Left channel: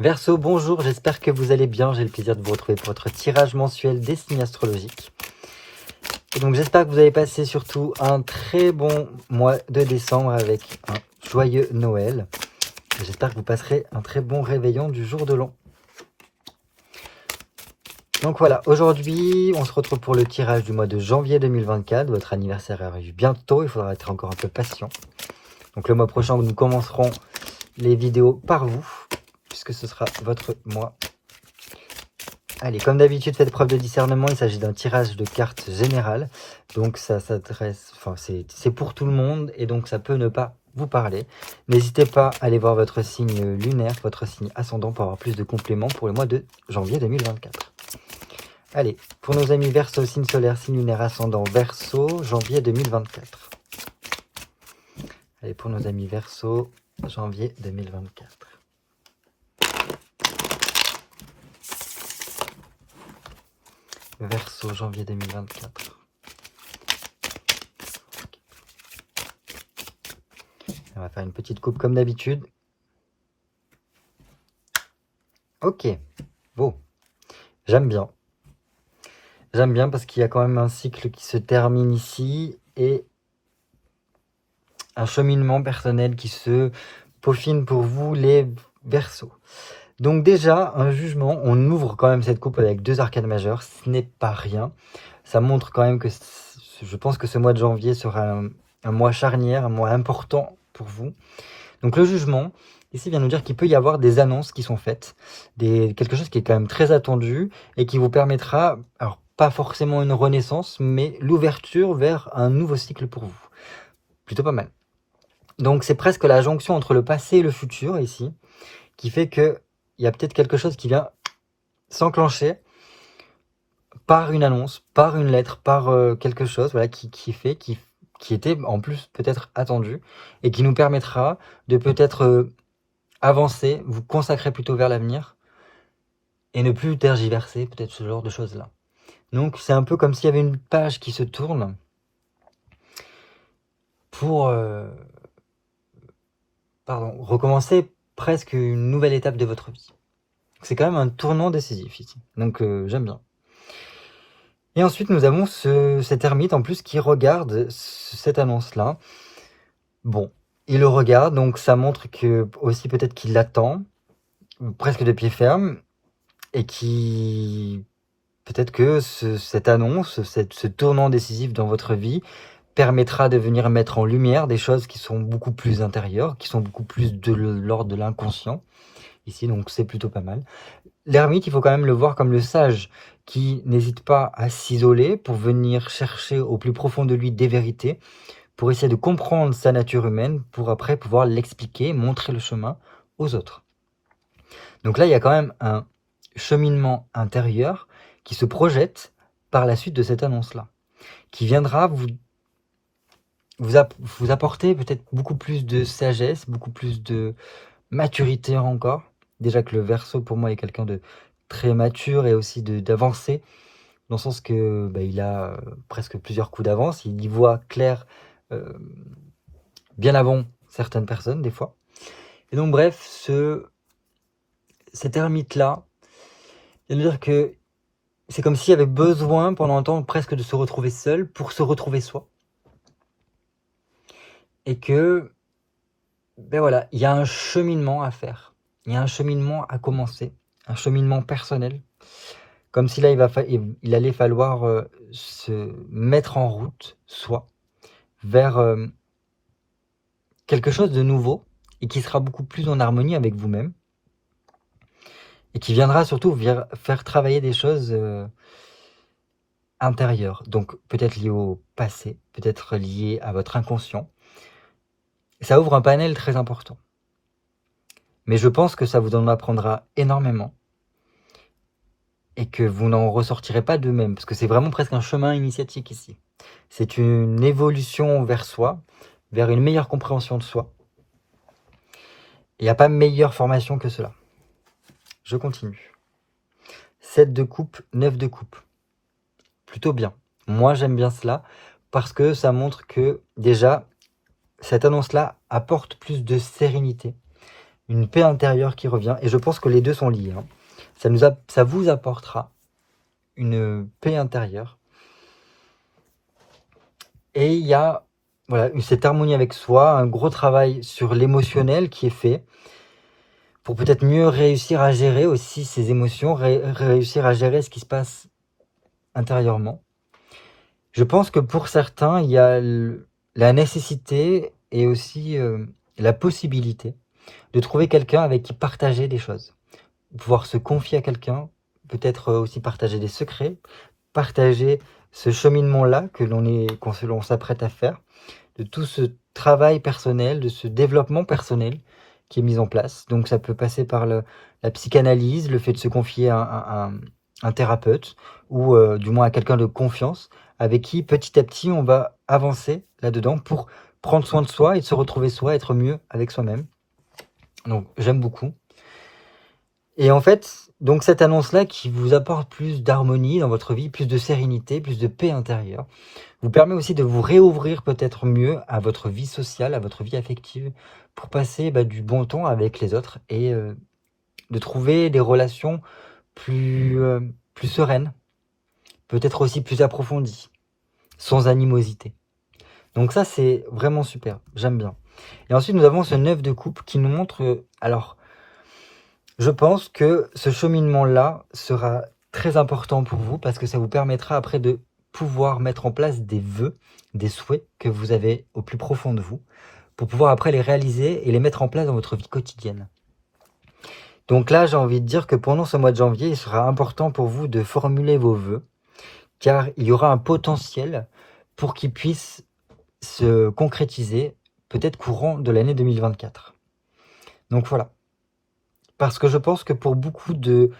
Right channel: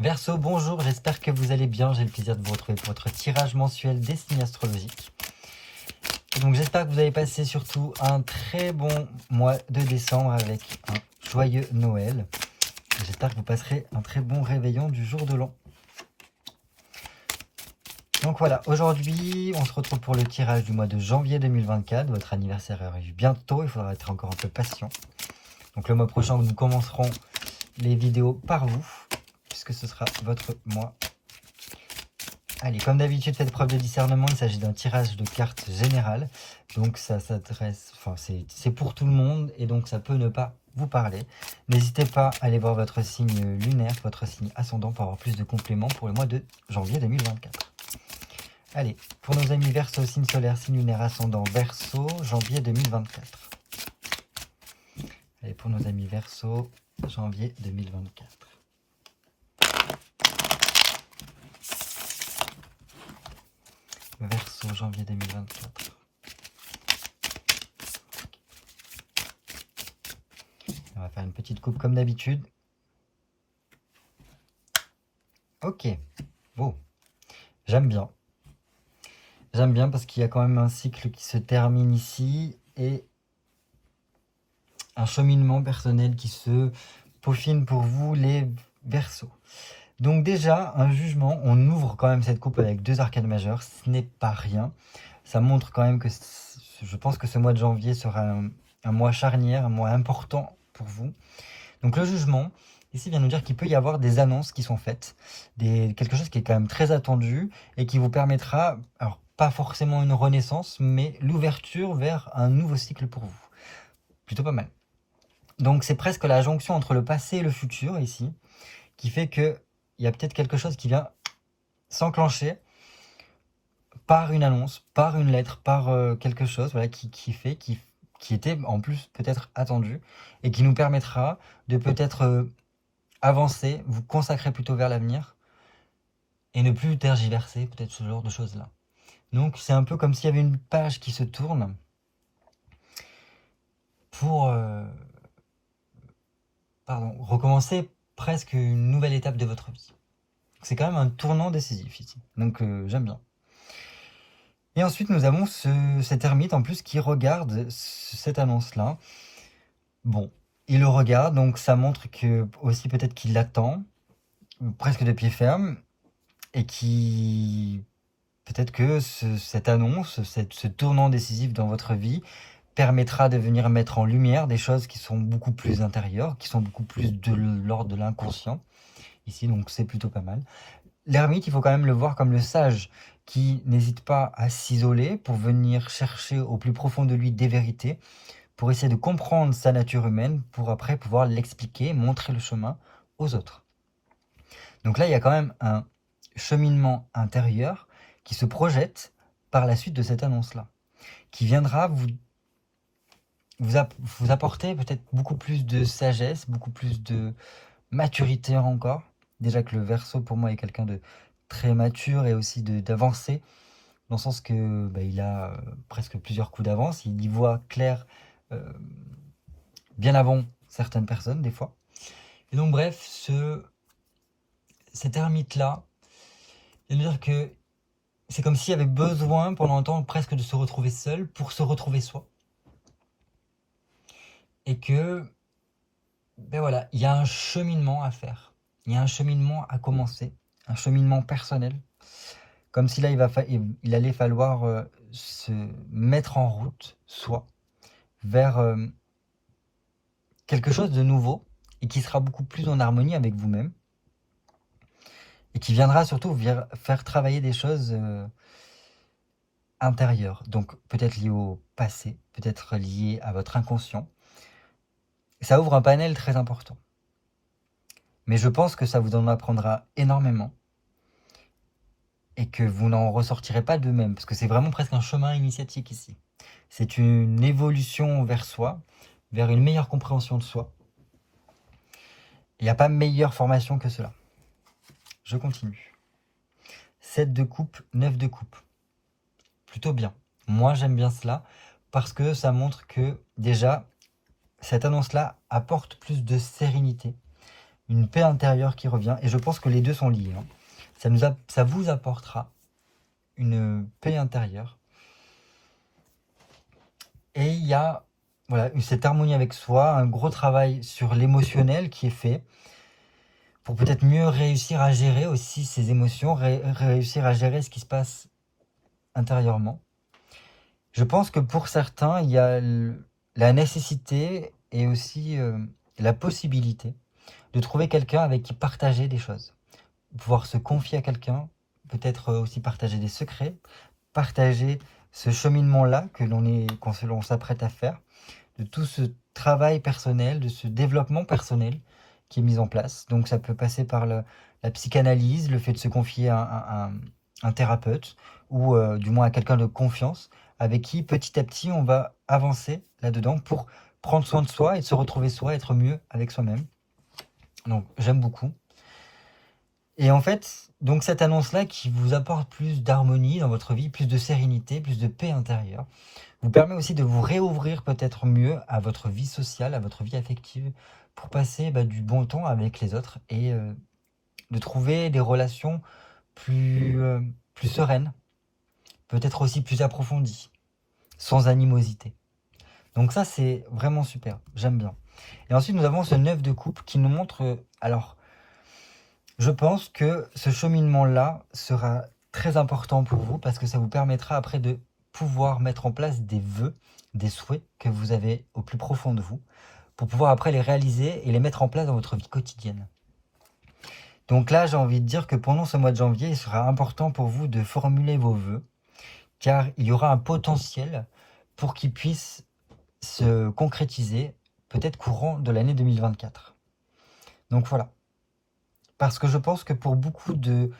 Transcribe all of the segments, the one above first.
Verseau, bonjour, j'espère que vous allez bien. J'ai le plaisir de vous retrouver pour votre tirage mensuel des signes astrologiques. Et donc j'espère que vous avez passé surtout un très bon mois de décembre avec un joyeux Noël. J'espère que vous passerez un très bon réveillon du jour de l'an. Donc voilà, aujourd'hui on se retrouve pour le tirage du mois de janvier 2024. Votre anniversaire arrive bientôt, il faudra être encore un peu patient. Donc le mois prochain nous commencerons les vidéos par vous, puisque ce sera votre mois. Allez, comme d'habitude, faites preuve de discernement, il s'agit d'un tirage de cartes générales. Donc ça s'adresse, enfin c'est pour tout le monde et donc ça peut ne pas vous parler. N'hésitez pas à aller voir votre signe lunaire, votre signe ascendant pour avoir plus de compléments pour le mois de janvier 2024. Allez, pour nos amis Verseau, signe solaire, signe lunaire, ascendant Verseau, janvier 2024. Allez, pour nos amis Verseau, janvier 2024. Verseau, janvier 2024. On va faire une petite coupe comme d'habitude. Ok, bon, j'aime bien. J'aime bien parce qu'il y a quand même un cycle qui se termine ici et un cheminement personnel qui se peaufine pour vous les Verseaux. Donc déjà, un jugement, on ouvre quand même cette coupe avec 2 arcanes majeures, ce n'est pas rien. Ça montre quand même que je pense que ce mois de janvier sera un mois charnière, un mois important pour vous. Donc le jugement, ici vient nous dire qu'il peut y avoir des annonces qui sont faites, quelque chose qui est quand même très attendu et qui vous permettra, alors pas forcément une renaissance, mais l'ouverture vers un nouveau cycle pour vous. Plutôt pas mal. Donc c'est presque la jonction entre le passé et le futur ici, qui fait qu'il y a peut-être quelque chose qui vient s'enclencher par une annonce, par une lettre, par quelque chose voilà, qui était en plus peut-être attendu et qui nous permettra de peut-être avancer, vous consacrer plutôt vers l'avenir et ne plus tergiverser, peut-être ce genre de choses-là. Donc c'est un peu comme s'il y avait une page qui se tourne pour recommencer presque une nouvelle étape de votre vie. C'est quand même un tournant décisif ici, donc j'aime bien. Et ensuite nous avons cet ermite en plus qui regarde cette annonce-là. Bon, il le regarde, donc ça montre que aussi peut-être qu'il l'attend, presque de pied ferme, et qui peut-être que cette annonce, ce tournant décisif dans votre vie permettra de venir mettre en lumière des choses qui sont beaucoup plus intérieures, qui sont beaucoup plus de l'ordre de l'inconscient, ici, donc c'est plutôt pas mal. L'ermite, il faut quand même le voir comme le sage, qui n'hésite pas à s'isoler pour venir chercher au plus profond de lui des vérités, pour essayer de comprendre sa nature humaine, pour après pouvoir l'expliquer, montrer le chemin aux autres. Donc là, il y a quand même un cheminement intérieur qui se projette par la suite de cette annonce-là, qui viendra vous apporter peut-être beaucoup plus de sagesse, beaucoup plus de maturité encore. Déjà que le Verseau, pour moi, est quelqu'un de très mature et aussi d'avancé, dans le sens que il a presque plusieurs coups d'avance, il y voit clair bien avant certaines personnes, des fois. Et donc, bref, cet ermite-là, c'est-à-dire que c'est comme s'il avait besoin pendant un temps presque de se retrouver seul pour se retrouver soi. Et que, voilà, il y a un cheminement à faire. Il y a un cheminement à commencer, un cheminement personnel. Comme si là, il allait falloir se mettre en route, soi, vers quelque chose de nouveau et qui sera beaucoup plus en harmonie avec vous-même. Et qui viendra surtout faire travailler des choses intérieures. Donc peut-être liées au passé, peut-être liées à votre inconscient. Ça ouvre un panel très important. Mais je pense que ça vous en apprendra énormément. Et que vous n'en ressortirez pas de même. Parce que c'est vraiment presque un chemin initiatique ici. C'est une évolution vers soi, vers une meilleure compréhension de soi. Il n'y a pas meilleure formation que cela. Je continue. 7 de coupe, 9 de coupe. Plutôt bien. Moi, j'aime bien cela parce que ça montre que déjà, cette annonce-là apporte plus de sérénité. une paix intérieure qui revient. Et je pense que les deux sont liés. Hein. Ça vous apportera une paix intérieure. Et il y a voilà, cette harmonie avec soi, un gros travail sur l'émotionnel qui est fait pour peut-être mieux réussir à gérer aussi ses émotions, réussir à gérer ce qui se passe intérieurement. Je pense que pour certains, il y a la nécessité et aussi la possibilité de trouver quelqu'un avec qui partager des choses. Pouvoir se confier à quelqu'un, peut-être aussi partager des secrets, partager ce cheminement-là que l'on s'apprête à faire, de tout ce travail personnel, de ce développement personnel qui est mis en place. Donc ça peut passer par la psychanalyse, le fait de se confier à un thérapeute, ou du moins à quelqu'un de confiance, avec qui petit à petit on va avancer là-dedans pour prendre soin de soi et se retrouver soi, être mieux avec soi-même. Donc j'aime beaucoup. Et en fait, donc cette annonce-là qui vous apporte plus d'harmonie dans votre vie, plus de sérénité, plus de paix intérieure, vous permet aussi de vous réouvrir peut-être mieux à votre vie sociale, à votre vie affective, pour passer du bon temps avec les autres et de trouver des relations plus sereines, peut-être aussi plus approfondies, sans animosité. Donc ça, c'est vraiment super, j'aime bien. Et ensuite, nous avons ce 9 de coupe qui nous montre... alors, je pense que ce cheminement-là sera très important pour vous parce que ça vous permettra après de pouvoir mettre en place des vœux, des souhaits que vous avez au plus profond de vous, pour pouvoir après les réaliser et les mettre en place dans votre vie quotidienne. Donc là, j'ai envie de dire que pendant ce mois de janvier, il sera important pour vous de formuler vos vœux, car il y aura un potentiel pour qu'ils puissent se concrétiser, peut-être courant de l'année 2024. Donc voilà. Parce que je pense que pour beaucoup de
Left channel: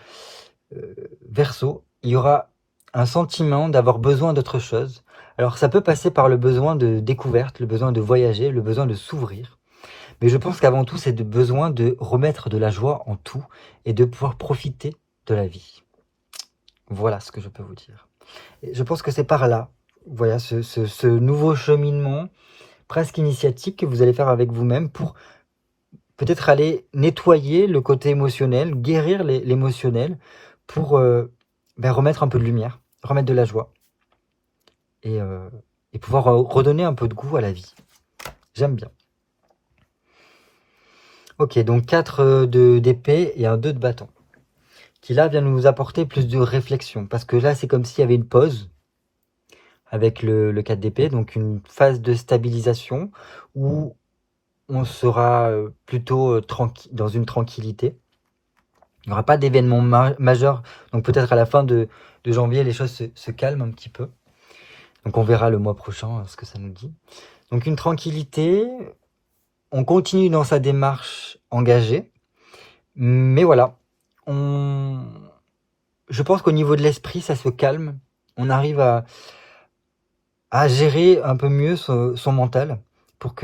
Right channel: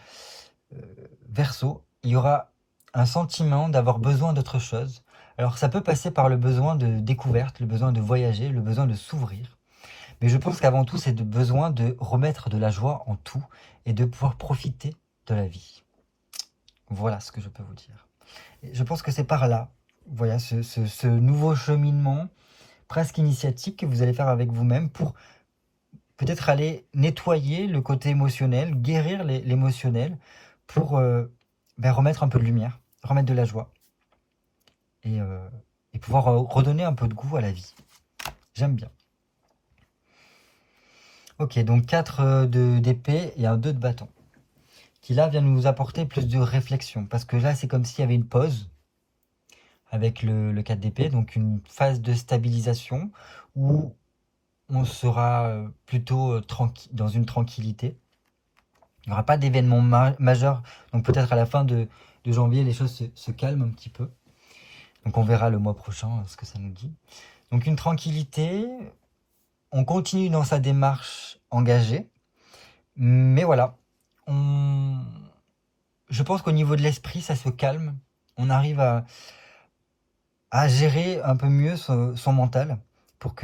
Verseau, il y aura un sentiment d'avoir besoin d'autre chose. Alors ça peut passer par le besoin de découverte, le besoin de voyager, le besoin de s'ouvrir. Mais je pense qu'avant tout, c'est le besoin de remettre de la joie en tout et de pouvoir profiter de la vie. Voilà ce que je peux vous dire. Et je pense que c'est par là, voilà, ce nouveau cheminement presque initiatique que vous allez faire avec vous-même pour peut-être aller nettoyer le côté émotionnel, guérir l'émotionnel pour remettre un peu de lumière, remettre de la joie et pouvoir redonner un peu de goût à la vie. J'aime bien. Ok, donc 4 d'épée et un 2 de bâton. Qui là vient nous apporter plus de réflexion. Parce que là, c'est comme s'il y avait une pause avec le 4 d'épée. Donc une phase de stabilisation où on sera plutôt dans une tranquillité. Il n'y aura pas d'événement majeur. Donc peut-être à la fin de janvier, les choses se calment un petit peu. Donc on verra le mois prochain ce que ça nous dit. Donc une tranquillité. On continue dans sa démarche engagée. Mais voilà. Je pense qu'au niveau de l'esprit, ça se calme. On arrive à gérer un peu mieux son mental pour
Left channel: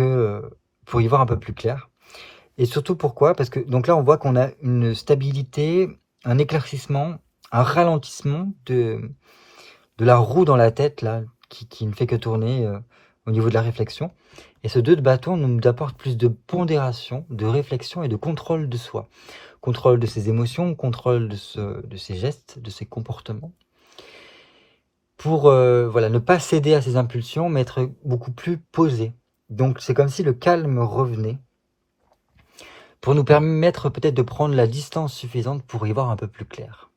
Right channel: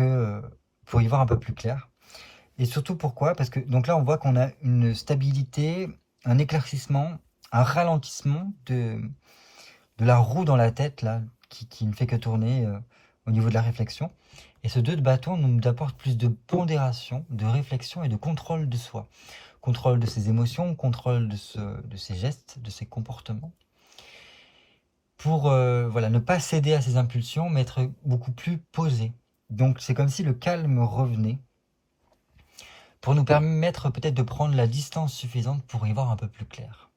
y voir un peu plus clair. Et surtout pourquoi? Parce que donc là, on voit qu'on a une stabilité, un éclaircissement, un ralentissement de la roue dans la tête là, qui ne fait que tourner au niveau de la réflexion. Et ce 2 de bâton nous apporte plus de pondération, de réflexion et de contrôle de soi. Contrôle de ses émotions, contrôle de ses gestes, de ses comportements. Pour ne pas céder à ses impulsions, mais être beaucoup plus posé. Donc c'est comme si le calme revenait pour nous permettre peut-être de prendre la distance suffisante pour y voir un peu plus clair.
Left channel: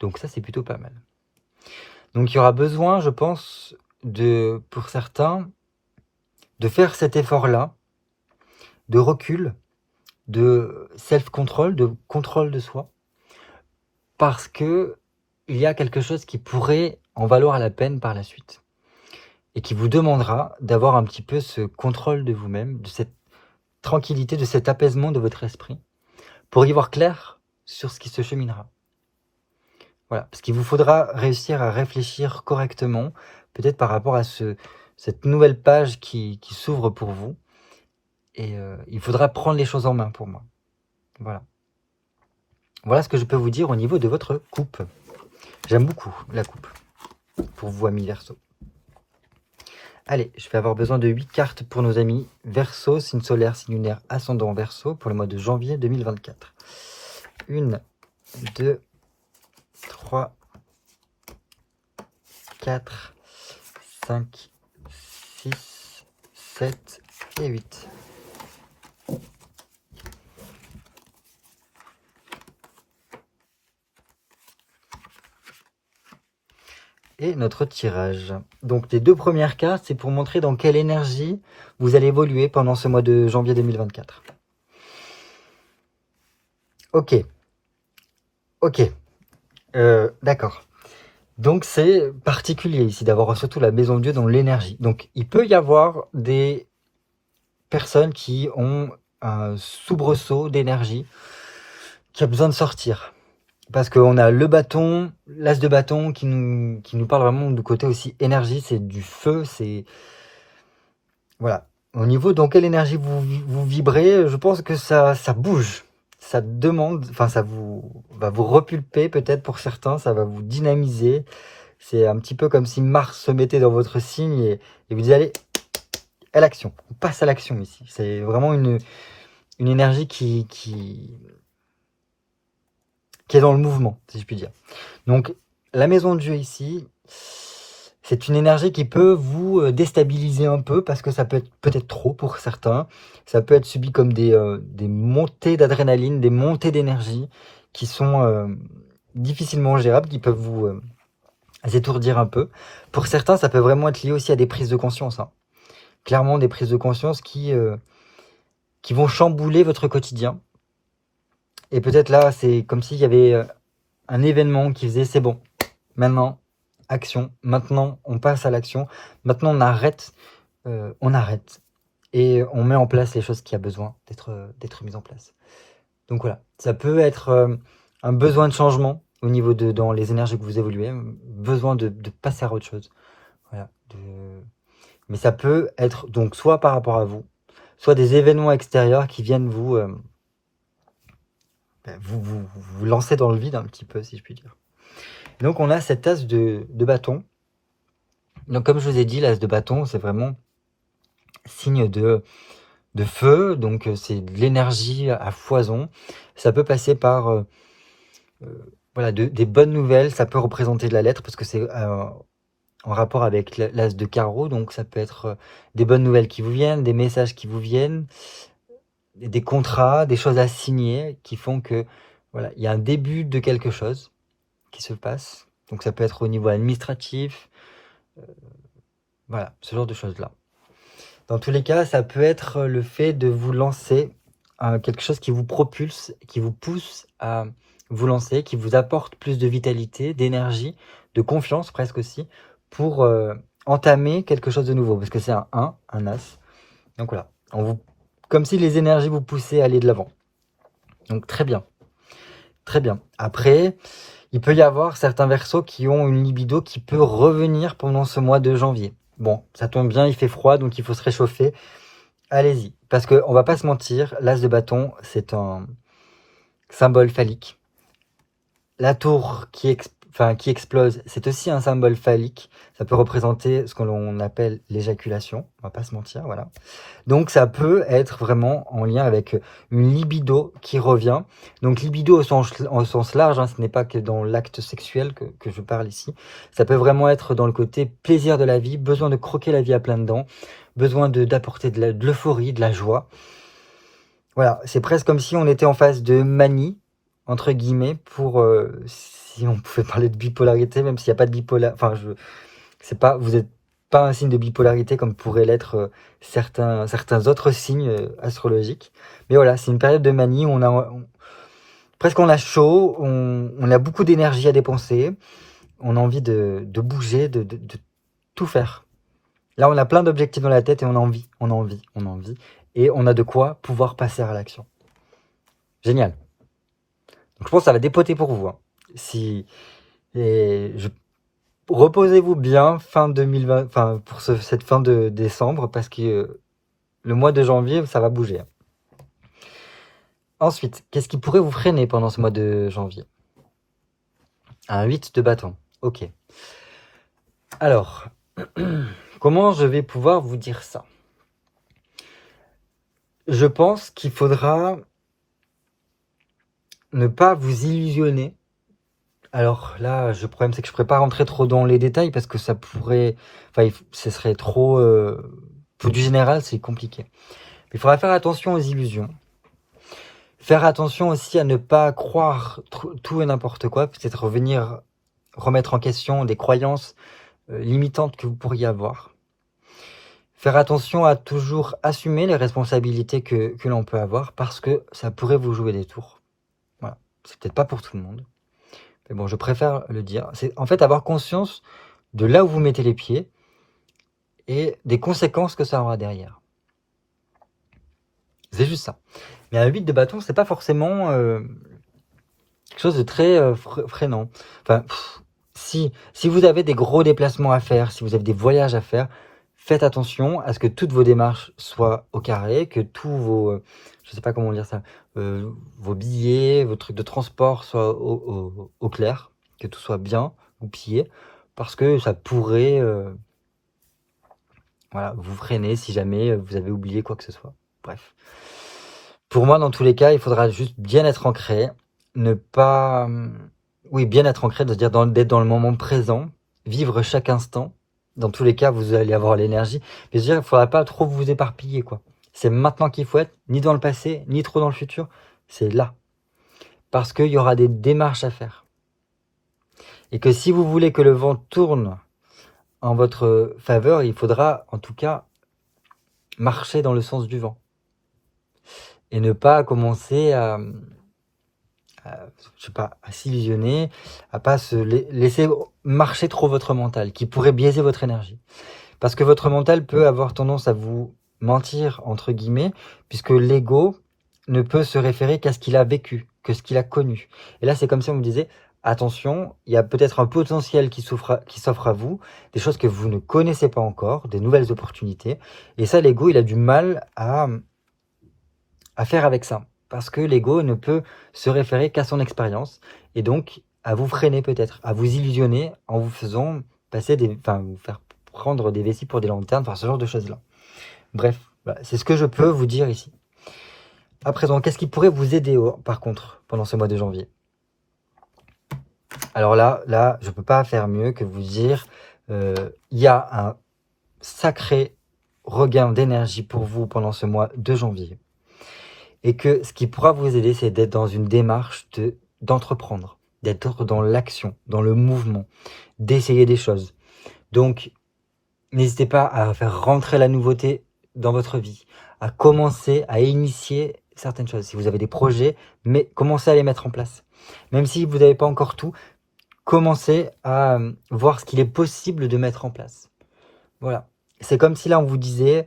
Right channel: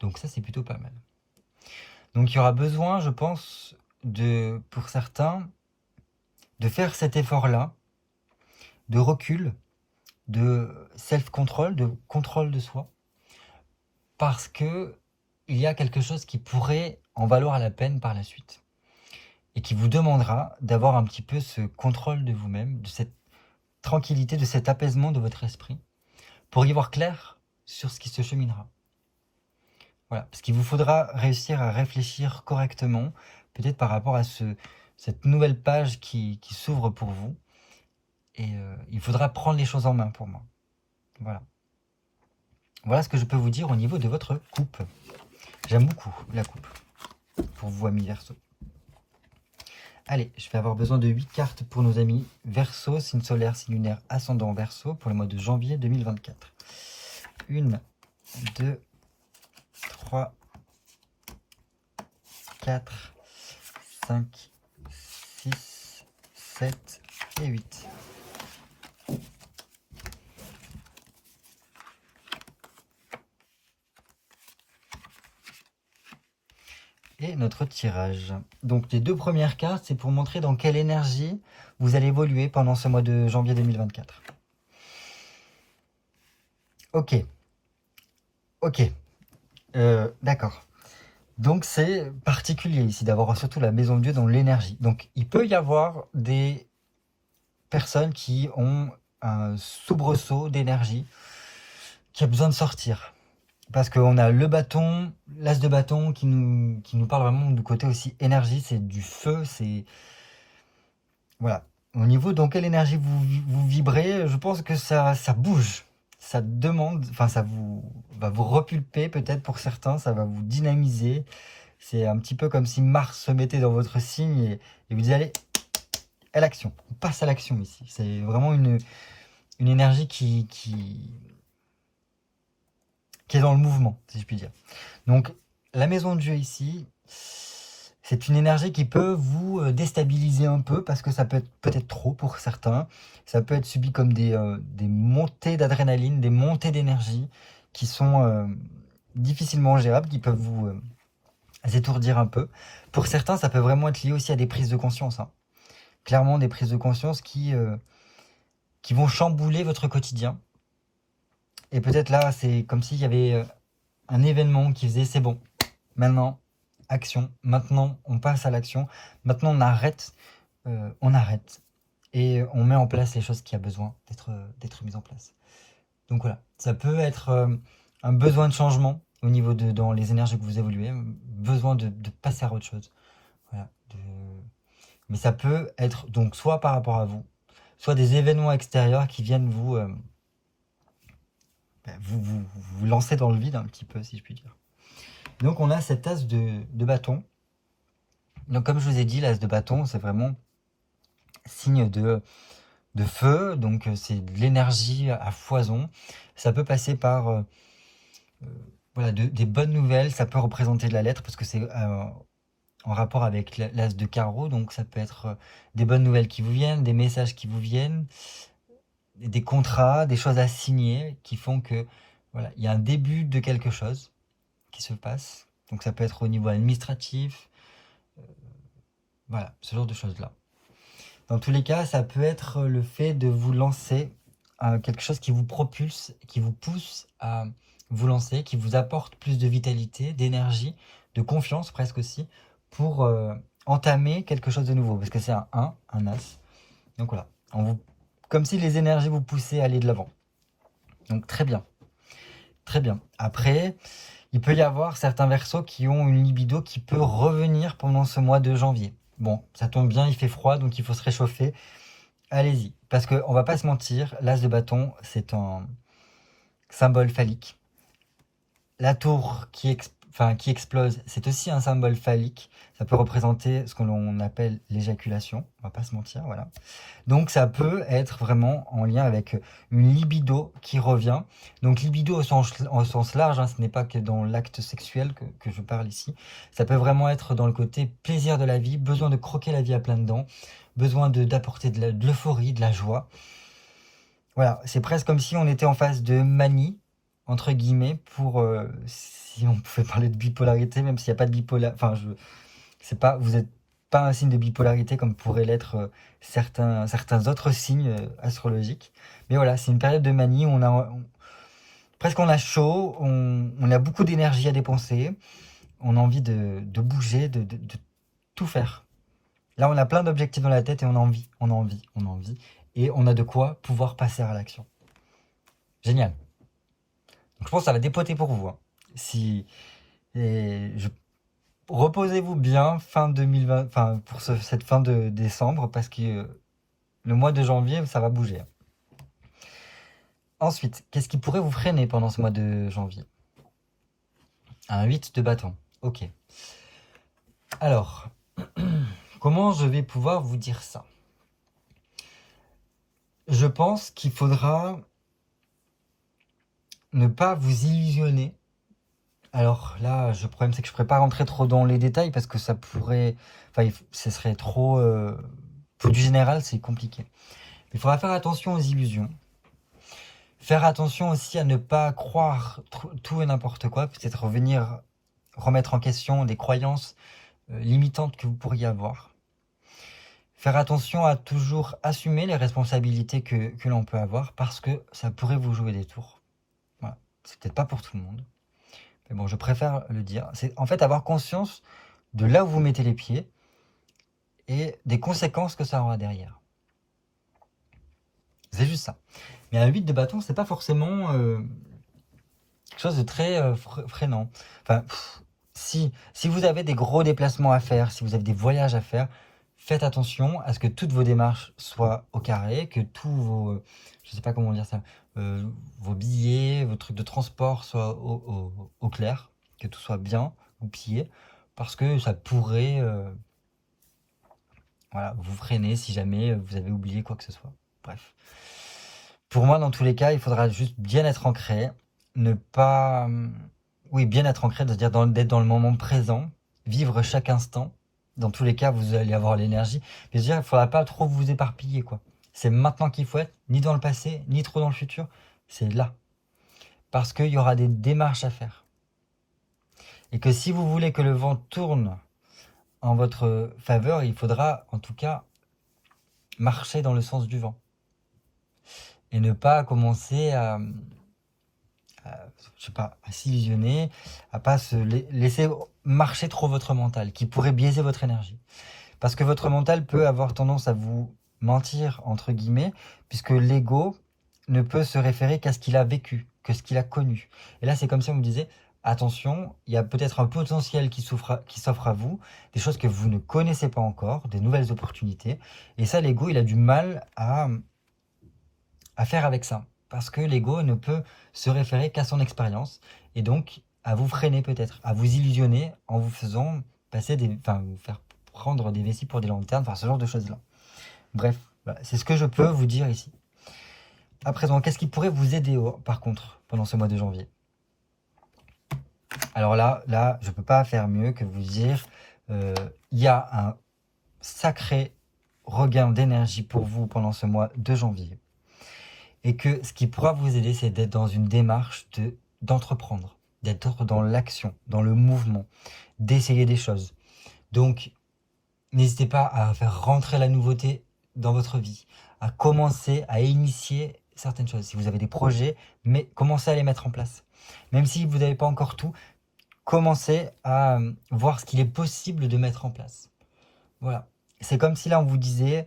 Donc ça, c'est plutôt pas mal. Donc il y aura besoin, je pense, pour certains, de faire cet effort-là, de recul, de self-control, de contrôle de soi, parce que il y a quelque chose qui pourrait en valoir la peine par la suite, et qui vous demandera d'avoir un petit peu ce contrôle de vous-même, de cette tranquillité, de cet apaisement de votre esprit, pour y voir clair sur ce qui se cheminera. Voilà, parce qu'il vous faudra réussir à réfléchir correctement, peut-être par rapport à cette nouvelle page qui s'ouvre pour vous, et il faudra prendre les choses en main pour moi. Voilà. Voilà ce que je peux vous dire au niveau de votre coupe. J'aime beaucoup la coupe, pour vous, amis Verseau. Allez, je vais avoir besoin de 8 cartes pour nos amis Verseau, signe solaire, signe lunaire, ascendant Verseau, pour le mois de janvier 2024. 1, 2, 3, 4, 5, 6, 7 et 8. Et notre tirage. Donc les 2 premières cartes, c'est pour montrer dans quelle énergie vous allez évoluer pendant ce mois de janvier 2024. Ok. Ok. D'accord. Donc c'est particulier ici d'avoir surtout la maison de Dieu dans l'énergie. Donc il peut y avoir des personnes qui ont un soubresaut d'énergie qui a besoin de sortir. Parce qu'on a le bâton, l'as de bâton qui nous parle vraiment du côté aussi énergie, c'est du feu, c'est... Voilà. Au niveau dans quelle énergie vous vibrez, je pense que ça bouge. Ça demande, enfin ça va vous repulper peut-être pour certains, ça va vous dynamiser. C'est un petit peu comme si Mars se mettait dans votre signe et vous dites allez, à l'action. On passe à l'action ici. C'est vraiment une énergie qui est dans le mouvement, si je puis dire. Donc, la maison de Dieu ici, c'est une énergie qui peut vous déstabiliser un peu parce que ça peut être peut-être trop pour certains. Ça peut être subi comme des montées d'adrénaline, des montées d'énergie qui sont difficilement gérables, qui peuvent vous étourdir un peu. Pour certains, ça peut vraiment être lié aussi à des prises de conscience. Hein. Clairement, des prises de conscience qui vont chambouler votre quotidien. Et peut-être là, c'est comme s'il y avait un événement qui faisait c'est bon, maintenant, action, maintenant on passe à l'action, maintenant on arrête, et on met en place les choses qui a besoin d'être mises en place. Donc voilà, ça peut être un besoin de changement au niveau dans les énergies que vous évoluez, besoin de passer à autre chose. Voilà, mais ça peut être donc soit par rapport à vous, soit des événements extérieurs qui viennent vous lancer dans le vide un petit peu, si je puis dire. Donc on a cette as de bâton. Donc comme je vous ai dit, l'as de bâton, c'est vraiment signe de feu, donc c'est de l'énergie à foison. Ça peut passer par voilà, des bonnes nouvelles, ça peut représenter de la lettre, parce que c'est en rapport avec l'as de carreau, donc ça peut être des bonnes nouvelles qui vous viennent, des messages qui vous viennent, des contrats, des choses à signer, qui font que voilà, il y a un début de quelque chose qui se passe. Donc ça peut être au niveau administratif, voilà, ce genre de choses-là. Dans tous les cas, ça peut être le fait de vous lancer quelque chose qui vous propulse, qui vous pousse à vous lancer, qui vous apporte plus de vitalité, d'énergie, de confiance presque aussi, pour entamer quelque chose de nouveau. Parce que c'est un 1, un As. Donc voilà, comme si les énergies vous poussaient à aller de l'avant. Donc très bien. Très bien. Après, il peut y avoir certains Verseaux qui ont une libido qui peut revenir pendant ce mois de janvier. Bon, ça tombe bien, il fait froid, donc il faut se réchauffer. Allez-y, parce qu'on va pas se mentir, l'as de bâton, c'est un symbole phallique. La tour qui explose, c'est aussi un symbole phallique. Ça peut représenter ce que l'on appelle l'éjaculation, on va pas se mentir, voilà. Donc ça peut être vraiment en lien avec une libido qui revient. Donc libido au sens large, hein, ce n'est pas que dans l'acte sexuel que je parle ici. Ça peut vraiment être dans le côté plaisir de la vie, besoin de croquer la vie à pleines dents, besoin d'apporter de l'euphorie, de la joie. Voilà, c'est presque comme si on était en phase de manie, entre guillemets, pour si on pouvait parler de bipolarité, même s'il n'y a pas de bipolarité. Enfin, vous n'êtes pas un signe de bipolarité comme pourraient l'être certains autres signes astrologiques. Mais voilà, c'est une période de manie où presque on a chaud, on a beaucoup d'énergie à dépenser, on a envie de bouger, de tout faire. Là, on a plein d'objectifs dans la tête et on a envie. Et on a de quoi pouvoir passer à l'action. Génial. Donc, je pense que ça va dépoter pour vous. Hein. Reposez-vous bien fin 2020, pour cette fin de décembre, parce que le mois de janvier, ça va bouger. Ensuite, qu'est-ce qui pourrait vous freiner pendant ce mois de janvier? Un 8 de bâton. Ok. Alors, Comment je vais pouvoir vous dire ça? Je pense qu'il faudra ne pas vous illusionner. Alors là, le problème, c'est que je ne pourrais pas rentrer trop dans les détails parce que ça pourrait... Enfin, ce serait trop... pour du général, c'est compliqué. Mais il faudra faire attention aux illusions. Faire attention aussi à ne pas croire tout et n'importe quoi. Peut-être remettre en question des croyances limitantes que vous pourriez avoir. Faire attention à toujours assumer les responsabilités que l'on peut avoir parce que ça pourrait vous jouer des tours. Voilà. C'est peut-être pas pour tout le monde. Mais bon, je préfère le dire. C'est en fait avoir conscience de là où vous mettez les pieds et des conséquences que ça aura derrière. C'est juste ça. Mais un 8 de bâton, c'est pas forcément quelque chose de très freinant. Enfin, si vous avez des gros déplacements à faire, si vous avez des voyages à faire, faites attention à ce que toutes vos démarches soient au carré, que tous vos, je sais pas comment dire ça, vos billets, vos trucs de transport soient au clair, que tout soit bien goupillé, parce que ça pourrait voilà, vous freiner si jamais vous avez oublié quoi que ce soit. Bref. Pour moi, dans tous les cas, il faudra juste bien être ancré, ne pas... Oui, bien être ancré, c'est-à-dire d'être dans le moment présent, vivre chaque instant. Dans tous les cas, vous allez avoir l'énergie. Mais je veux dire, il ne faudra pas trop vous éparpiller, quoi. C'est maintenant qu'il faut être, ni dans le passé, ni trop dans le futur. C'est là. Parce qu'il y aura des démarches à faire. Et que si vous voulez que le vent tourne en votre faveur, il faudra, en tout cas, marcher dans le sens du vent. Et ne pas commencer à je sais pas, à s'illusionner, à pas se laisser marcher trop votre mental, qui pourrait biaiser votre énergie. Parce que votre mental peut avoir tendance à vous mentir, entre guillemets, puisque l'ego ne peut se référer qu'à ce qu'il a vécu, que ce qu'il a connu. Et là, c'est comme si on me disait, attention, il y a peut-être un potentiel qui s'offre à vous, des choses que vous ne connaissez pas encore, des nouvelles opportunités. Et ça, l'ego, il a du mal à faire avec ça. Parce que l'ego ne peut se référer qu'à son expérience. Et donc, à vous freiner peut-être, à vous illusionner en vous faisant passer vous faire prendre des vessies pour des lanternes, enfin ce genre de choses-là. Bref, voilà, c'est ce que je peux vous dire ici. À présent, qu'est-ce qui pourrait vous aider par contre pendant ce mois de janvier? Alors là, je ne peux pas faire mieux que vous dire, il y a un sacré regain d'énergie pour vous pendant ce mois de janvier. Et que ce qui pourra vous aider, c'est d'être dans une démarche d'entreprendre, d'être dans l'action, dans le mouvement, d'essayer des choses. Donc, n'hésitez pas à faire rentrer la nouveauté dans votre vie, à commencer à initier certaines choses. Si vous avez des projets, mais commencez à les mettre en place. Même si vous n'avez pas encore tout, commencez à voir ce qu'il est possible de mettre en place. Voilà. C'est comme si là, on vous disait,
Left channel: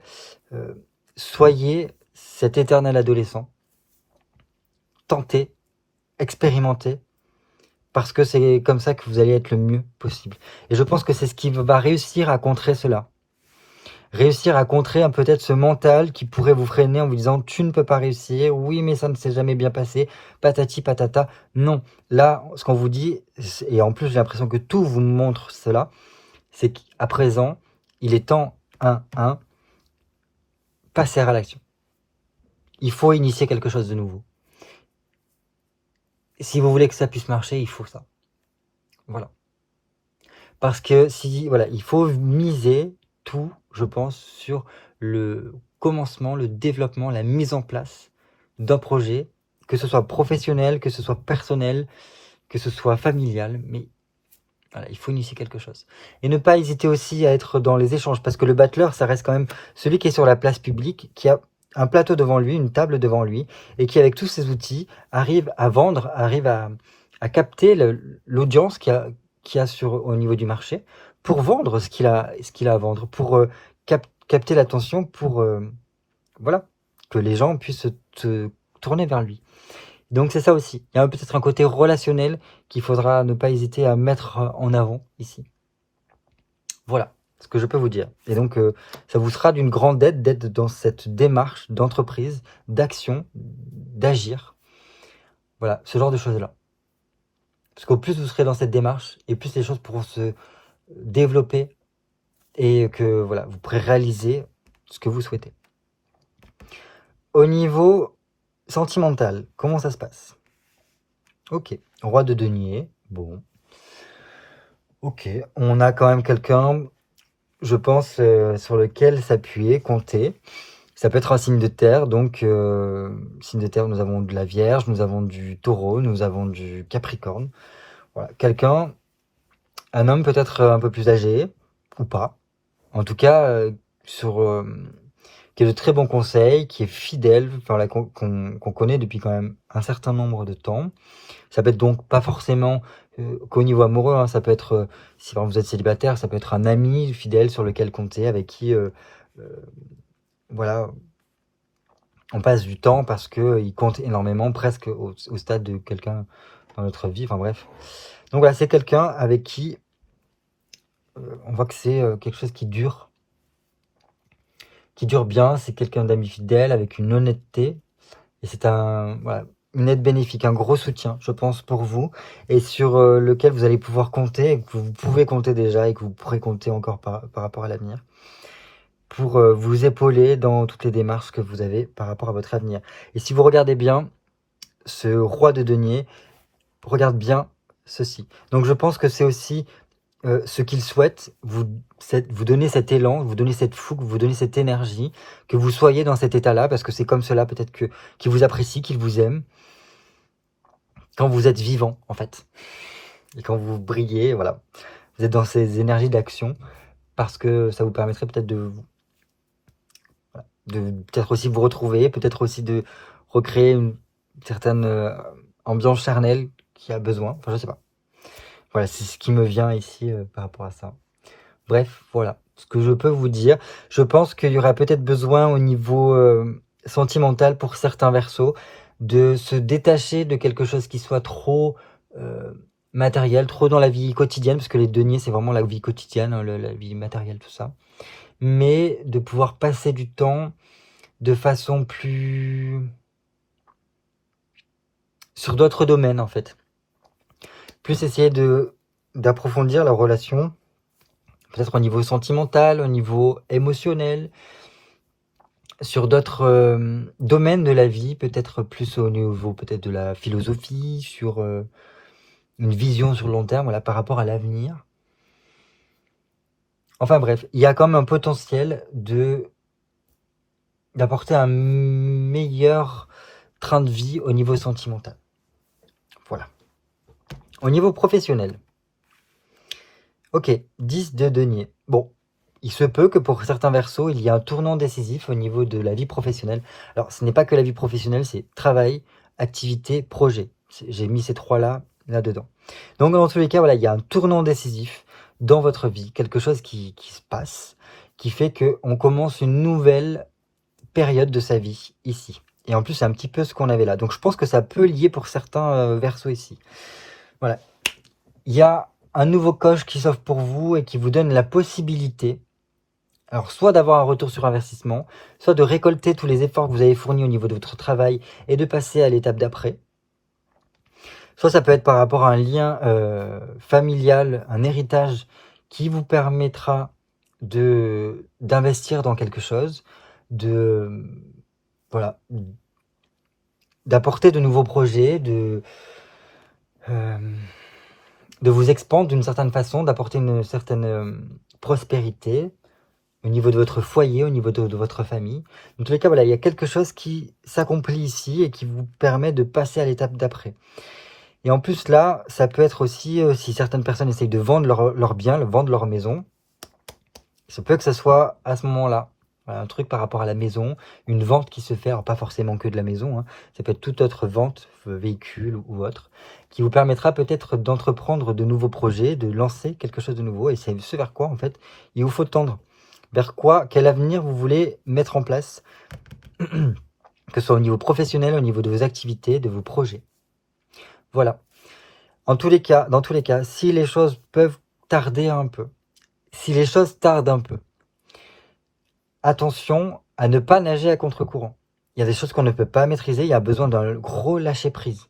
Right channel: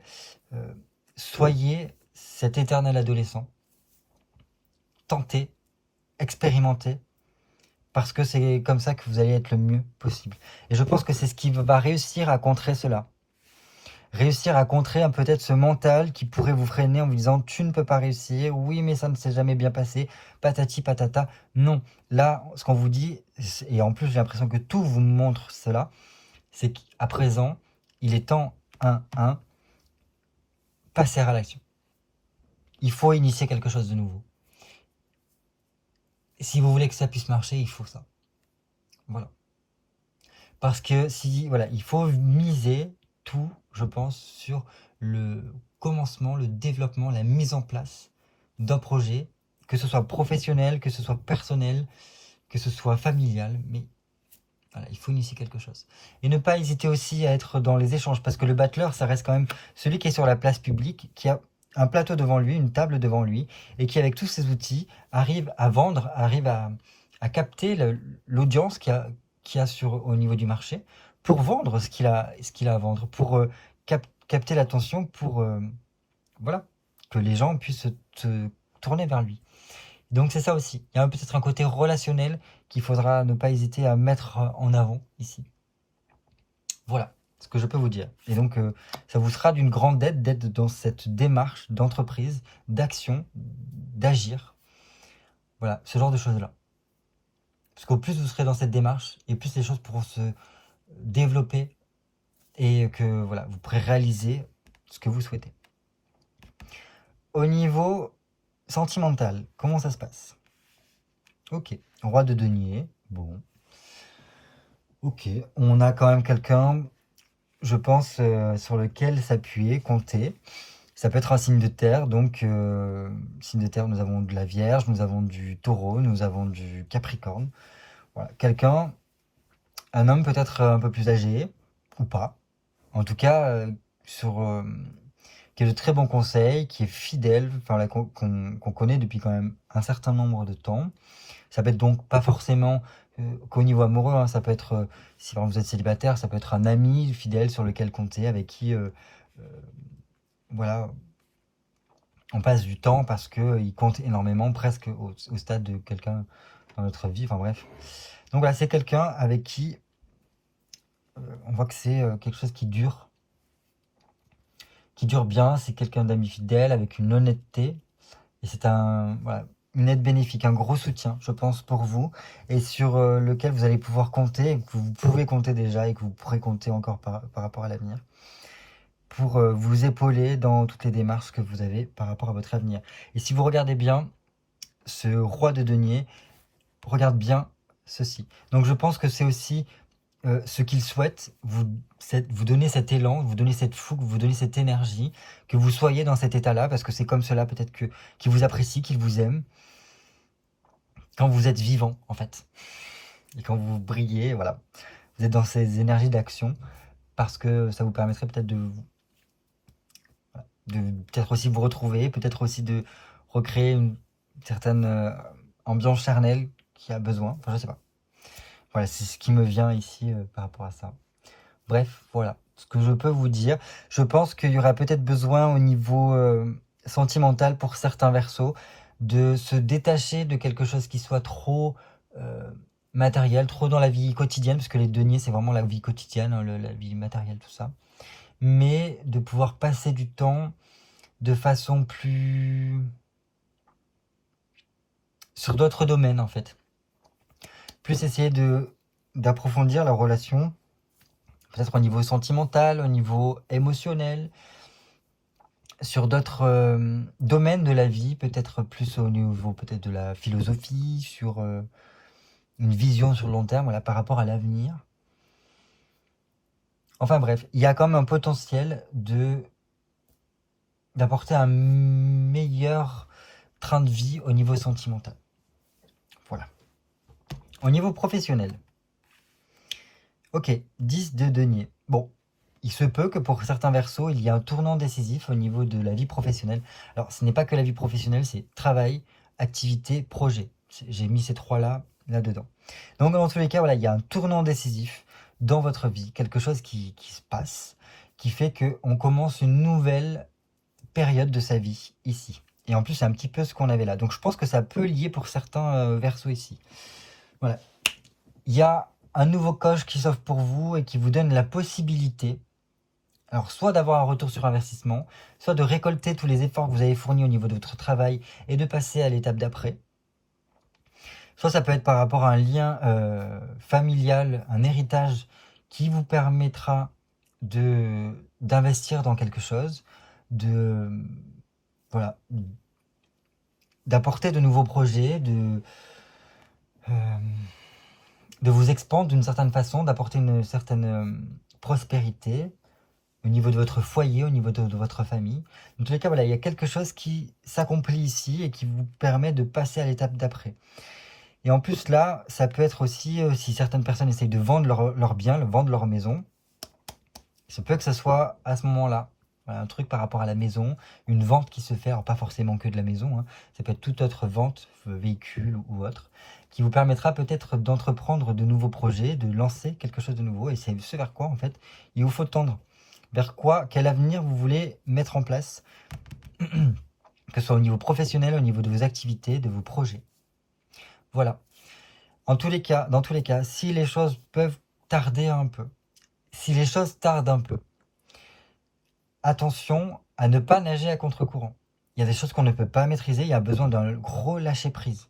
soyez cet éternel adolescent. Tentez, expérimentez, parce que c'est comme ça que vous allez être le mieux possible. Et je pense que c'est ce qui va réussir à contrer cela. Réussir à contrer peut-être ce mental qui pourrait vous freiner en vous disant « tu ne peux pas réussir, oui mais ça ne s'est jamais bien passé, patati patata ». Non, là, ce qu'on vous dit, et en plus j'ai l'impression que tout vous montre cela, c'est qu'à présent, il est temps, passer à l'action. Il faut initier quelque chose de nouveau. Si vous voulez que ça puisse marcher, il faut ça. Voilà. Parce que voilà, il faut miser tout, je pense, sur le commencement, le développement, la mise en place d'un projet, que ce soit professionnel, que ce soit personnel, que ce soit familial, mais voilà, il faut initier quelque chose. Et ne pas hésiter aussi à être dans les échanges, parce que le battleur, ça reste quand même celui qui est sur la place publique, qui a un plateau devant lui, une table devant lui, et qui, avec tous ses outils, arrive à vendre, arrive à capter l'audience qu'il y a au niveau du marché, pour vendre ce qu'il a à vendre, pour capter l'attention, pour voilà, que les gens puissent se tourner vers lui. Donc c'est ça aussi. Il y a peut-être un côté relationnel qu'il faudra ne pas hésiter à mettre en avant ici. Voilà ce que je peux vous dire. Et donc ça vous sera d'une grande aide d'être dans cette démarche d'entreprise, d'action, d'agir. Voilà, ce genre de choses-là. Parce qu'au plus vous serez dans cette démarche, et plus les choses pourront se développer et que voilà, vous pourrez réaliser ce que vous souhaitez. Au niveau sentimental, comment ça se passe? Ok, roi de denier, bon. Ok, on a quand même quelqu'un, je pense, sur lequel s'appuyer, compter. Ça peut être un signe de terre, donc signe de terre, nous avons de la Vierge, nous avons du Taureau, nous avons du Capricorne. Voilà. Quelqu'un, un homme peut-être un peu plus âgé, ou pas. En tout cas, qui a de très bons conseils, qui est fidèle, enfin, là, qu'on connaît depuis quand même un certain nombre de temps. Ça peut être donc pas forcément qu'au niveau amoureux, hein, ça peut être, si par exemple vous êtes célibataire, ça peut être un ami fidèle sur lequel compter, avec qui, voilà, on passe du temps parce qu'il compte énormément, presque au stade de quelqu'un dans notre vie, enfin bref. Donc voilà, c'est quelqu'un avec qui on voit que c'est quelque chose qui dure bien, c'est quelqu'un d'amis fidèle, avec une honnêteté, et c'est voilà, une aide bénéfique, un gros soutien, je pense, pour vous, et sur lequel vous allez pouvoir compter, et que vous pouvez compter déjà, et que vous pourrez compter encore par rapport à l'avenir, pour vous épauler dans toutes les démarches que vous avez par rapport à votre avenir. Et si vous regardez bien, ce roi de denier regarde bien ceci. Donc je pense que c'est aussi ce qu'il souhaite, vous donner cet élan, vous donner cette fougue, vous donner cette énergie, que vous soyez dans cet état-là, parce que c'est comme cela peut-être qu'il vous apprécie, qu'il vous aime, quand vous êtes vivant, en fait. Et quand vous brillez, voilà. Vous êtes dans ces énergies d'action, parce que ça vous permettrait peut-être de peut-être aussi vous retrouver, peut-être aussi de recréer une certaine ambiance charnelle qui a besoin, enfin je sais pas. Voilà, c'est ce qui me vient ici par rapport à ça. Bref, voilà ce que je peux vous dire. Je pense qu'il y aura peut-être besoin au niveau sentimental pour certains versos de se détacher de quelque chose qui soit trop matériel, trop dans la vie quotidienne, parce que les deniers c'est vraiment la vie quotidienne, hein, la vie matérielle, tout ça. Mais de pouvoir passer du temps de façon plus... sur d'autres domaines en fait. Plus essayer d'approfondir la relation, peut-être au niveau sentimental, au niveau émotionnel, sur d'autres domaines de la vie, peut-être plus au niveau peut-être de la philosophie, sur une vision sur le long terme, voilà, par rapport à l'avenir. Enfin bref, il y a quand même un potentiel d'apporter un meilleur train de vie au niveau sentimental. Voilà. Au niveau professionnel. Ok, 10 de denier. Bon, il se peut que pour certains versos, il y a un tournant décisif au niveau de la vie professionnelle. Alors, ce n'est pas que la vie professionnelle, c'est travail, activité, projet. J'ai mis ces trois-là, là-dedans. Donc, dans tous les cas, voilà, il y a un tournant décisif dans votre vie, quelque chose qui se passe, qui fait qu'on commence une nouvelle période de sa vie, ici. Et en plus, c'est un petit peu ce qu'on avait là. Donc, je pense que ça peut lier pour certains versos ici. Voilà. Il y a un nouveau coche qui s'offre pour vous et qui vous donne la possibilité, alors soit d'avoir un retour sur investissement, soit de récolter tous les efforts que vous avez fournis au niveau de votre travail et de passer à l'étape d'après. Soit ça peut être par rapport à un lien familial, un héritage qui vous permettra d'investir dans quelque chose, voilà, d'apporter de nouveaux projets, de vous expandre d'une certaine façon, d'apporter une certaine prospérité au niveau de votre foyer, au niveau de votre famille. Dans tous les cas, voilà, il y a quelque chose qui s'accomplit ici et qui vous permet de passer à l'étape d'après. Et en plus là, ça peut être aussi, si certaines personnes essayent de vendre leur bien, vendre leur maison, ça peut que ce soit à ce moment-là. Voilà, un truc par rapport à la maison, une vente qui se fait, alors pas forcément que de la maison, hein, ça peut être toute autre vente, véhicule ou autre, qui vous permettra peut-être d'entreprendre de nouveaux projets, de lancer quelque chose de nouveau. Et c'est ce vers quoi, en fait, il vous faut tendre. Vers quoi, quel avenir vous voulez mettre en place, que ce soit au niveau professionnel, au niveau de vos activités, de vos projets. Voilà. Dans tous les cas, si les choses peuvent tarder un peu, si les choses tardent un peu, attention à ne pas nager à contre-courant. Il y a des choses qu'on ne peut pas maîtriser, il y a besoin d'un gros lâcher-prise.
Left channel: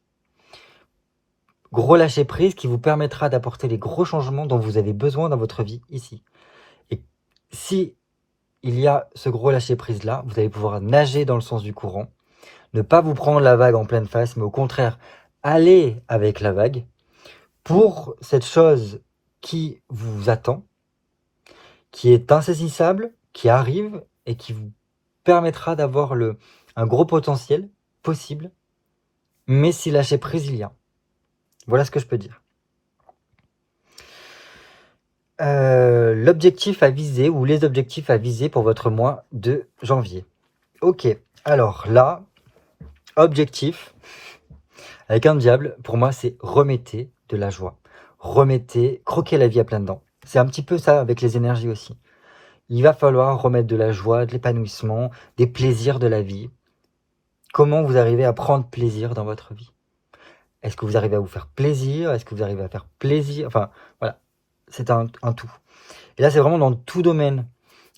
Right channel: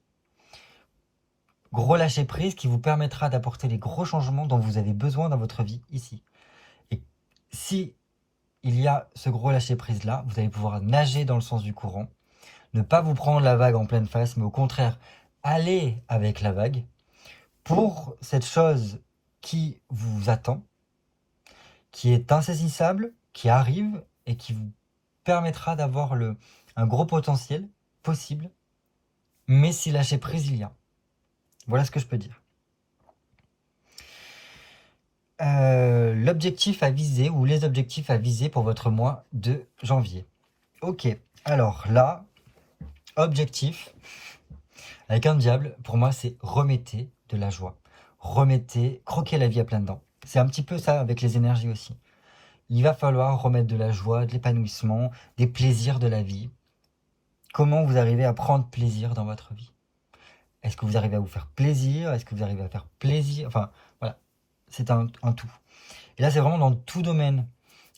Gros lâcher-prise qui vous permettra d'apporter les gros changements dont vous avez besoin dans votre vie ici. Et si il y a ce gros lâcher-prise là, vous allez pouvoir nager dans le sens du courant, ne pas vous prendre la vague en pleine face, mais au contraire, aller avec la vague pour cette chose qui vous attend, qui est insaisissable, qui arrive et qui vous permettra d'avoir un gros potentiel possible, mais si lâcher prise il y a. Voilà ce que je peux dire. L'objectif à viser ou les objectifs à viser pour votre mois de janvier. Ok, alors là, objectif, avec un diable, pour moi c'est remettez de la joie. Remettez, croquez la vie à pleines dents. C'est un petit peu ça avec les énergies aussi. Il va falloir remettre de la joie, de l'épanouissement, des plaisirs de la vie. Comment vous arrivez à prendre plaisir dans votre vie? Est-ce que vous arrivez à vous faire plaisir? Est-ce que vous arrivez à faire plaisir? Enfin, voilà, c'est un tout. Et là, c'est vraiment dans tout domaine.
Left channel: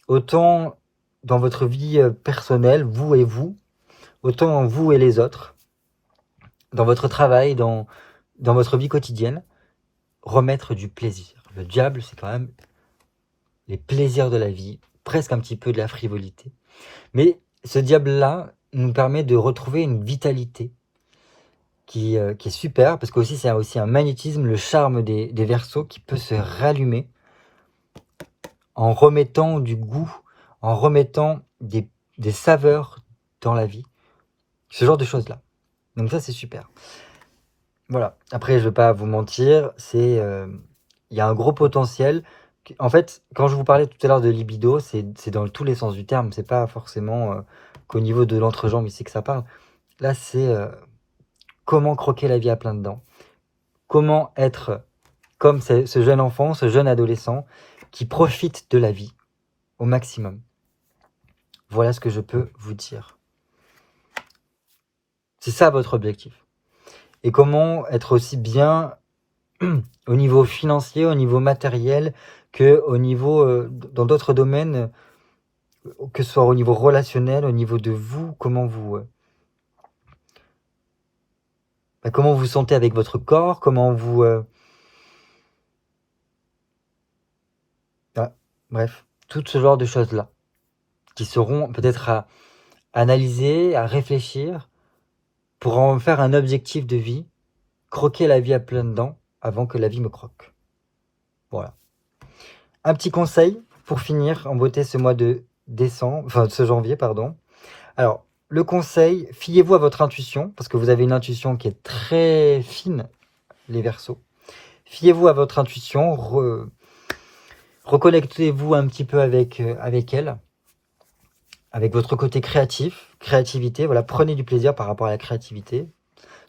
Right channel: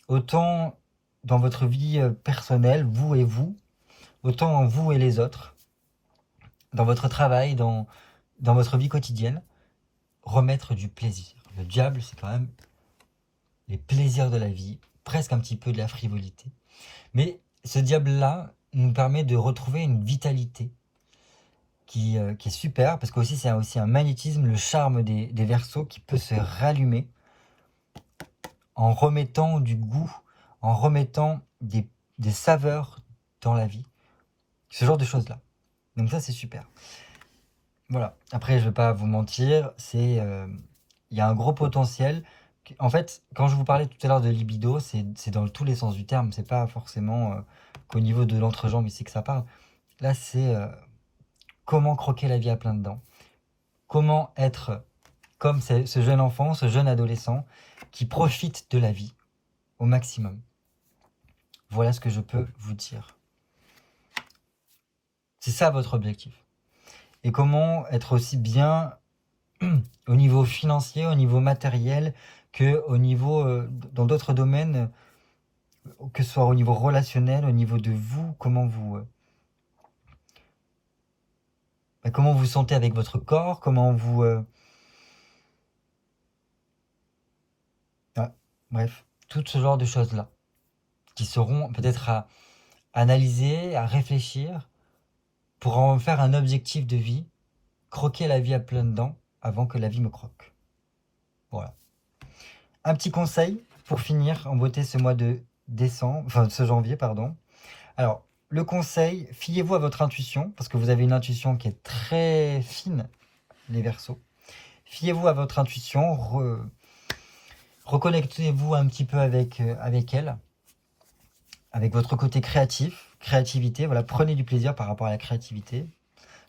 Autant dans votre vie personnelle, vous et vous, autant vous et les autres, dans votre travail, dans votre vie quotidienne, remettre du plaisir. Le diable, c'est quand même les plaisirs de la vie, presque un petit peu de la frivolité. Mais ce diable-là nous permet de retrouver une vitalité qui est super, parce que c'est aussi un magnétisme, le charme des Verseaux qui peut se rallumer en remettant du goût, en remettant des saveurs dans la vie. Ce genre de choses-là. Donc ça, c'est super. Voilà. Après, je ne vais pas vous mentir, il y a un gros potentiel. En fait, quand je vous parlais tout à l'heure de libido, c'est dans tous les sens du terme. C'est pas forcément qu'au niveau de l'entrejambe ici que ça parle. Là, c'est comment croquer la vie à plein dedans. Comment être comme ce jeune enfant, ce jeune adolescent qui profite de la vie au maximum. Voilà ce que je peux vous dire. C'est ça votre objectif. Et comment être aussi bien au niveau financier, au niveau matériel, que au niveau dans d'autres domaines, que ce soit au niveau relationnel, au niveau de vous, comment vous sentez avec votre corps, comment vous... Voilà. Bref, tout ce genre de choses-là, qui seront peut-être à analyser, à réfléchir, pour en faire un objectif de vie, croquer la vie à pleines dents, avant que la vie me croque. Voilà. Un petit conseil, pour finir en beauté ce mois de décembre, enfin ce janvier, pardon. Alors, le conseil, fiez-vous à votre intuition, parce que vous avez une intuition qui est très fine, les Verseaux. Fiez-vous à votre intuition, reconnectez-vous un petit peu avec elle, avec votre côté créativité, voilà, prenez du plaisir par rapport à la créativité,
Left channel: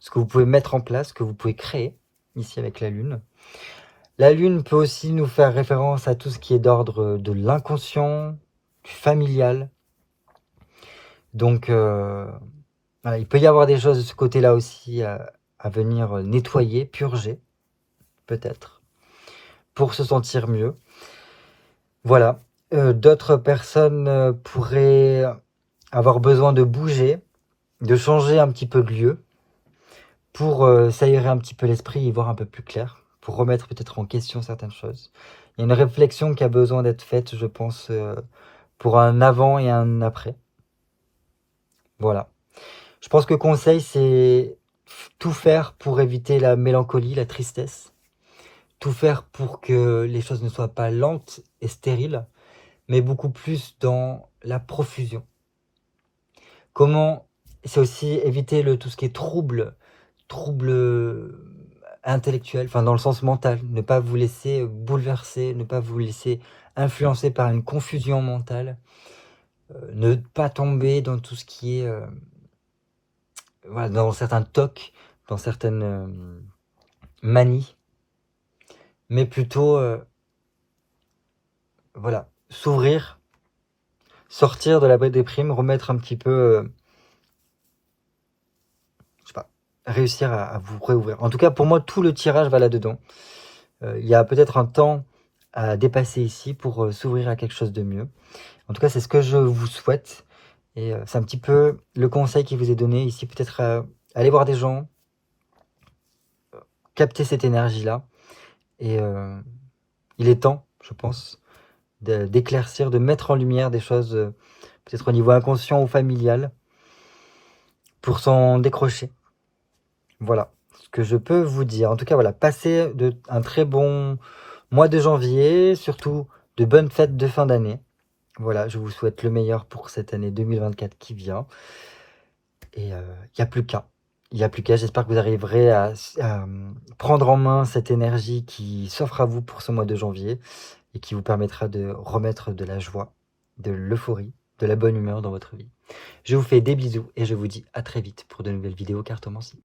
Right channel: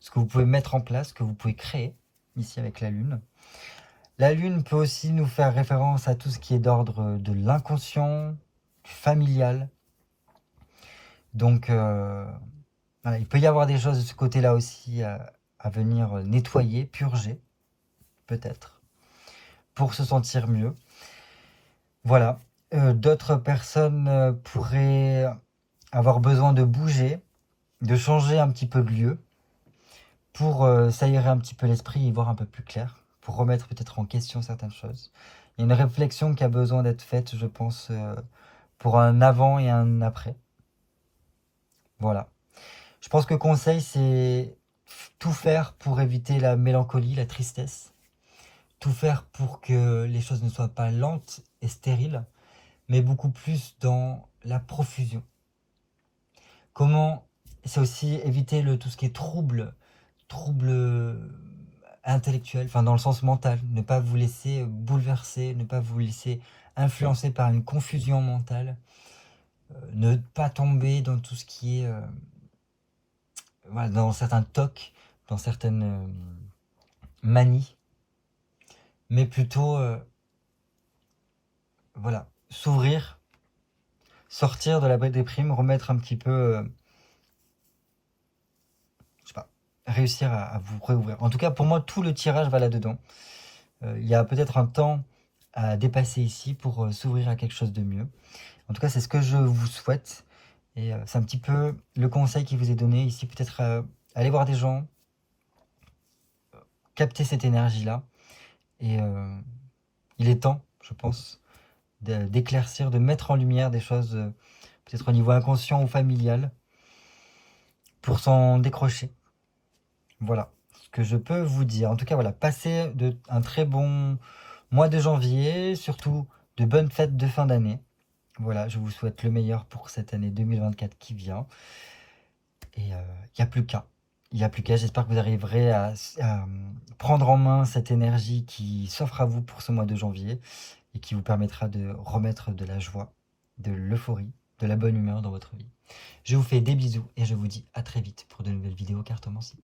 ce que vous pouvez mettre en place, ce que vous pouvez créer, ici avec la Lune. La Lune peut aussi nous faire référence à tout ce qui est d'ordre de l'inconscient, du familial. Donc, voilà, il peut y avoir des choses de ce côté-là aussi à venir nettoyer, purger, peut-être, pour se sentir mieux. Voilà. D'autres personnes pourraient avoir besoin de bouger, de changer un petit peu de lieu, pour s'aérer un petit peu l'esprit et voir un peu plus clair, pour remettre peut-être en question certaines choses. Il y a une réflexion qui a besoin d'être faite, je pense, pour un avant et un après. Voilà. Je pense que conseil, c'est tout faire pour éviter la mélancolie, la tristesse. Tout faire pour que les choses ne soient pas lentes et stériles, mais beaucoup plus dans la profusion. Comment, c'est aussi éviter tout ce qui est trouble intellectuel, enfin dans le sens mental, ne pas vous laisser bouleverser, ne pas vous laisser influencer par une confusion mentale, ne pas tomber dans tout ce qui est voilà, dans certains tocs, dans certaines manies, mais plutôt voilà, s'ouvrir, sortir de la déprime, remettre un petit peu je sais pas, réussir à vous réouvrir. En tout cas, pour moi, tout le tirage va là-dedans. Il y a peut-être un temps à dépasser ici pour s'ouvrir à quelque chose de mieux. En tout cas, c'est ce que je vous souhaite. Et c'est un petit peu le conseil qui vous est donné ici. Peut-être aller voir des gens, capter cette énergie-là. Et il est temps, je pense, d'éclaircir, de mettre en lumière des choses, peut-être au niveau inconscient ou familial, pour s'en décrocher. Voilà ce que je peux vous dire. En tout cas, voilà, passez un très bon mois de janvier, surtout de bonnes fêtes de fin d'année. Voilà, je vous souhaite le meilleur pour cette année 2024 qui vient. Et il n'y a plus qu'à. Il n'y a plus qu'à. J'espère que vous arriverez à prendre en main cette énergie qui s'offre à vous pour ce mois de janvier et qui vous permettra de remettre de la joie, de l'euphorie, de la bonne humeur dans votre vie. Je vous fais des bisous et je vous dis à très vite pour de nouvelles vidéos cartomancie.